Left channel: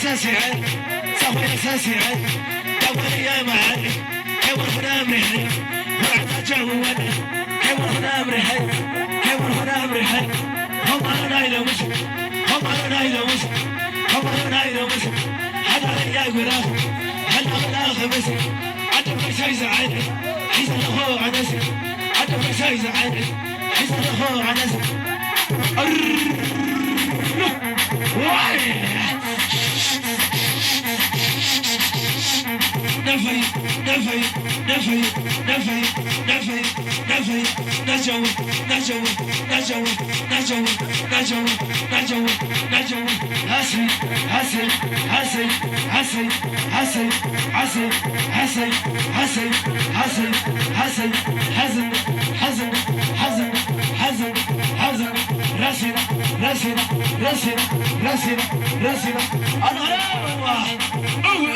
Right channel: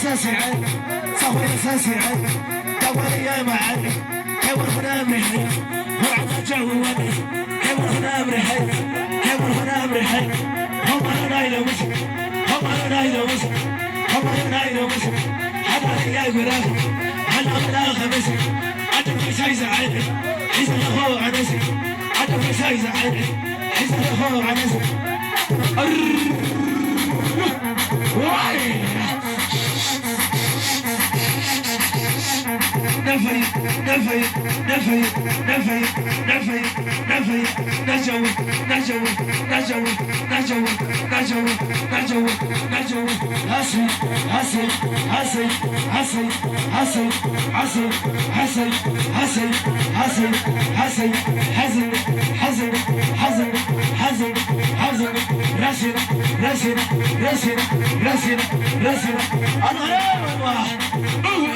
اساسي صفر اساسي دور يا معن حور هنا مرحي وعد جود حور هنا مرحي حور هنا مرحي هم هنا يلوش هم هنا يلوش هم هنا يلوش حدا يا غراف حدا غراف خمس عدم شي زعل حسن هو عنس عدم شي زعل حسن هو عنس نفي نفي نفي نفي نفي نفي نجو نجو نجو نجو نجو نجو نجو حسن حسن حسن حسن حسن حسن حسن حسن حسن حسن حسن حسن حسن حسن حسن رسم رسم رسم رسم رسم انا يا الله